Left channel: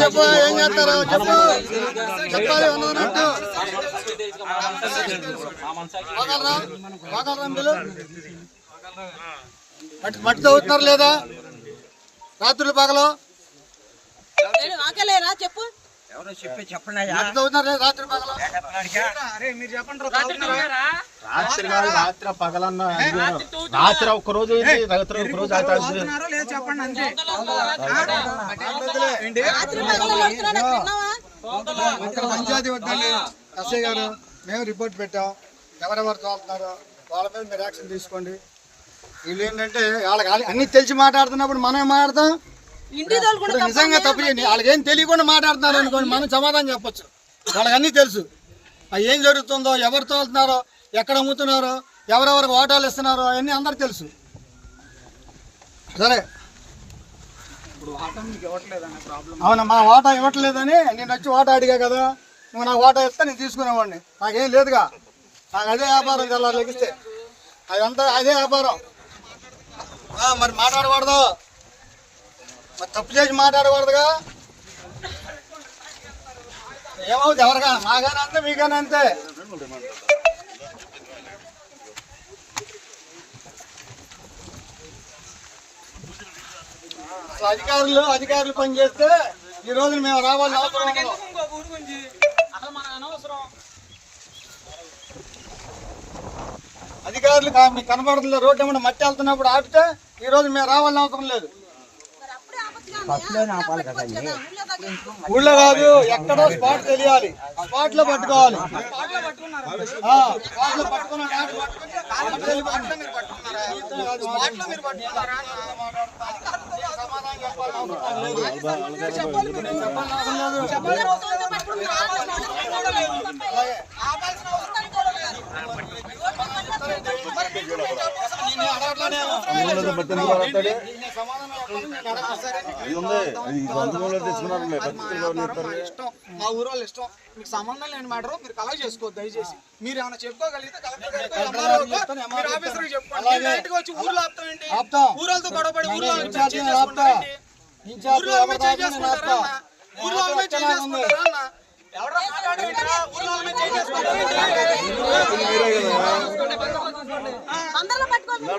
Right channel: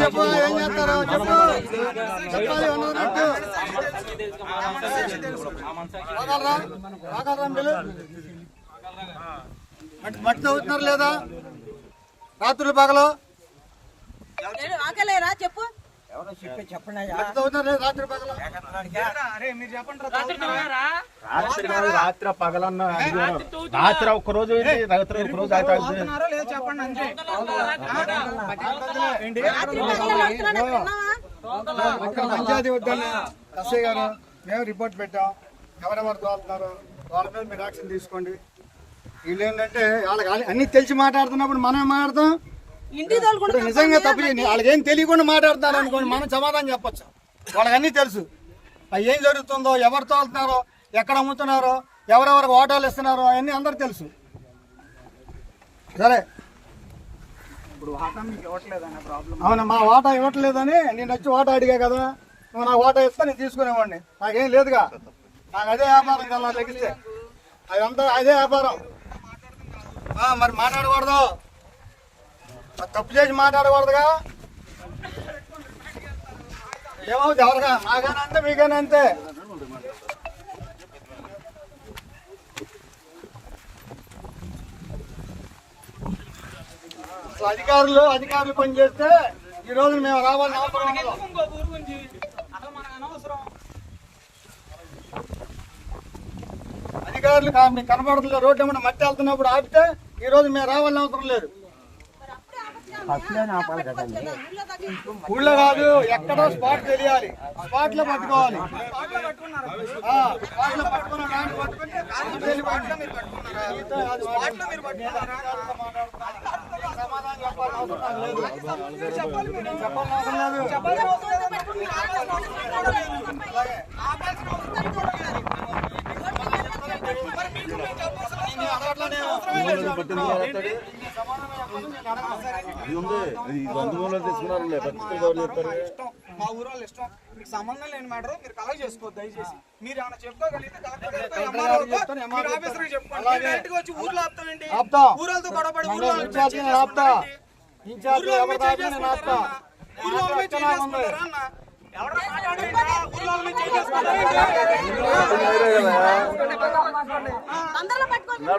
చెప్పు ఏం చేస్తారు చెప్పు చెప్పాలి మట్టి తవ్వుతున్నారు లేదా రాత్రులు పగలు చెప్పు రాత్రి పగలన్న రాత్రి ఒక్క రోజు రాత్రి ఒక్క రోజు పంచాయతీ వద్దండి ఎస్ఐ గారు మేము రిపోర్ట్ పెట్టాం ఎవరెవరు తోలుతున్నారు వాళ్ళ మీద మీరు యాక్షన్ తీసుకోండి. వీళ్ళు ఏంటంటే వాళ్ళకి అన్ని తెలిసి మాట్లాడుతున్నప్పుడు మనం మాట్లాడతాం. నిజంగా తప్పు వాళ్ళకి ఏం తెలియకుండా మాట్లాడుతున్నారు అనుకోండి మనం సమాధానం చెప్పచ్చు. వాళ్ళకి అన్నీ తెలుసు అది ఏం జరుగుతుందో, ఎవరు తోలుతున్నారో, ఎక్కడ అమ్ముతున్నారో, ఎవరెవరికి ఓటాలు ఇస్తున్నారో అవన్నీ అందరికి తెలుసు. సరే అవునా మా వాటా ఇవ్వట్లేదని నేను వచ్చి వాటా అడిగా కదా, నువ్వు నాకు వాటా ఇస్తే నేను తీసుకునేవాడిని. నాకేం లేదుగా, నాకు అదే వ్యాపారం తెల్లారు లెగిస్తే అదంతా అదే వ్యాపారం. మరి మాట్లాడకూడదు, తప్పు చేసి మాట్లాడకూడదుగా. ఏమవుతుంది ఎవరిగా మాగానే అంతే మీగానే అంతే. అసలు అధికారులు పనిచేస్తే ఈ రోజు మేము రావాలని అవసరం ఉండదు. అధికారులు మీకు కనబడుతుంది రోడ్డు ఏమన్నా మట్టి వెళ్తున్నప్పుడు ఆపితే ఈ రోజు మేము రావాలని అవసరం లేదు. ఊళ్ళో కాదు, ఎక్కడో స్పాట్ తెలియాలి, స్పాట్ లో పట్టుకోవాలి. స్పాట్ లో పట్టుకున్న సమాధానం చెప్పాలని అవసరం లేదు. చెప్పాలని అవసరం మా ఊరు వాళ్ళు ఇష్టం, మీకు సంబంధం లేని మ్యాటర్ మీరు కలెక్ట్ చేసుకోవద్దు. దయచేసి మీరు ఏమైనా చెప్పుకోగలిగితే ఊళ్ళతో గొడవపడి అందరూ పట్టుకోవాలి.